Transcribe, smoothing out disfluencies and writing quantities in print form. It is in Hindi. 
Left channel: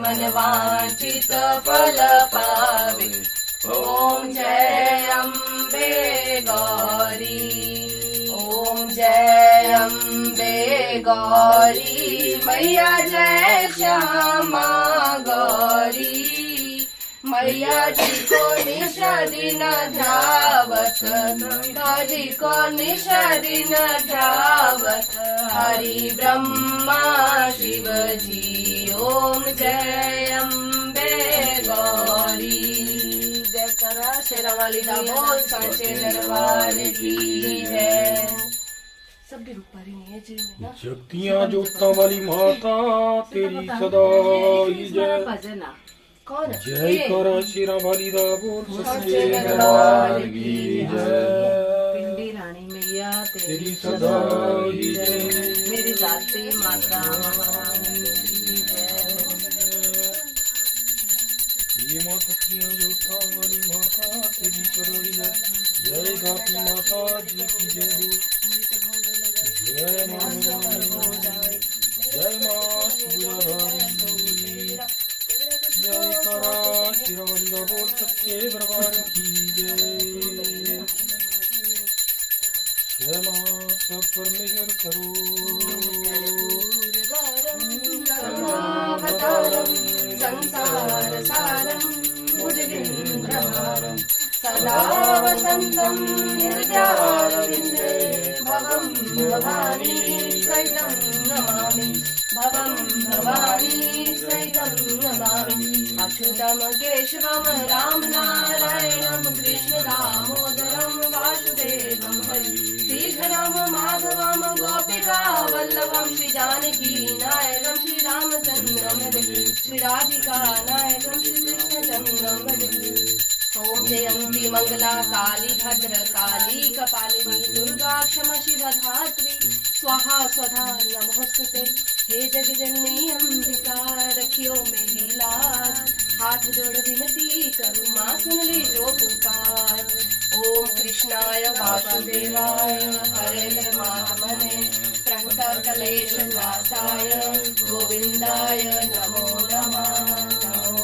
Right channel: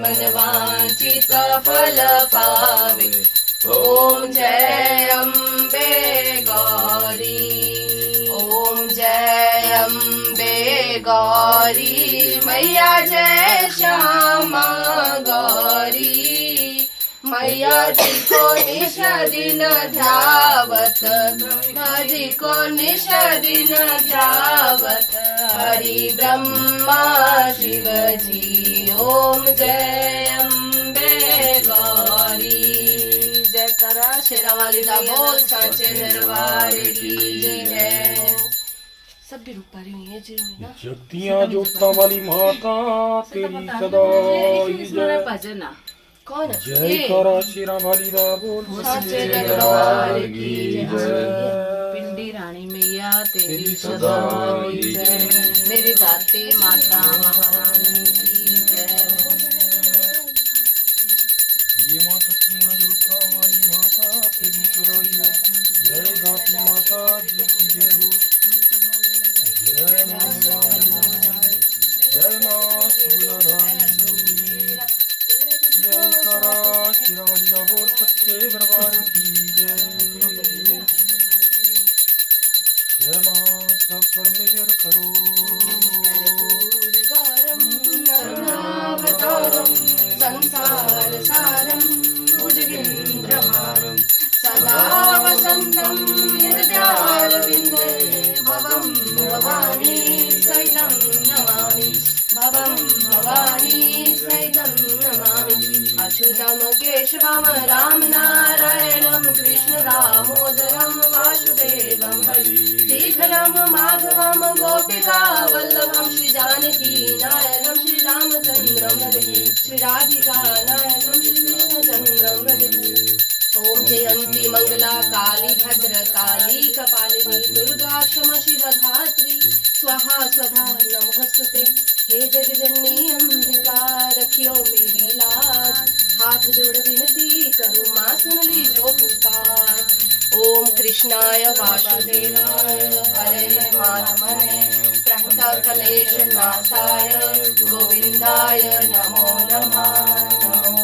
मन वांछित फल पावे। ओम जय अम्बे गौरी, ओम जय अम्बे गौरी, मैया जय श्यामा गौरी। मैया जी को निश दिन ध्यावत, हरि को निश दिन ध्यावत, हरि ब्रह्मा शिव जी। ओम जय अम्बे गौरी। जय करा शेरा वाली का बोल सचे दरबार की जय। सब भी रुक पा रही हुई है जी में ना। शक्तियां जोता वाली माता तेरी सदा ही जय। भजन कौन जय करा शेरा वाली दा बोल सच्चे दरबार की जय। पिंडी रानी मैया तेरी सदा ही जय। मेरी दाती माता महारानी की जय। ये माँ शक्तियां जोता वाली माता तेरी सदा ही जय। जय दाती माता जी की जय हो। जय माँ भवानी, जय माँ सूर्यधारी, जय करा शिरावली का बोल सच्चे दरबार की जय। जय माँ सब परमेश्वर करो। संसार सारम भुजगेन्द्रहारम सदा वसंतम हृदयारविंदे भवं भवानी सहितं नमामि। भवं भवानी सहितं नमामि। अच्युतं केशवं राम नारायणं कृष्ण दामोदरं वासुदेवं हरि। श्रीधरं माधवं गोपिका वल्लभं श्री जानकी नायकं श्री रामचंद्रं भजे। श्री राधिका नायकं श्री कृष्णचंद्रं भजे। ओम जयंती मंगला काली भद्र काली कपालिनी दुर्गा क्षमा शिव धात्री स्वाहा स्वधा नमोस्तुते। हे जगजननी अंबिका रखियो मेरी लाज। हाथ जोड़ विनती करूं मां सुन ली जो पुकार। ओम कृष्णाय वासुदेवाय हरे माधवने प्रणत कलेश नाशाय गोविंदाय नमो नमः।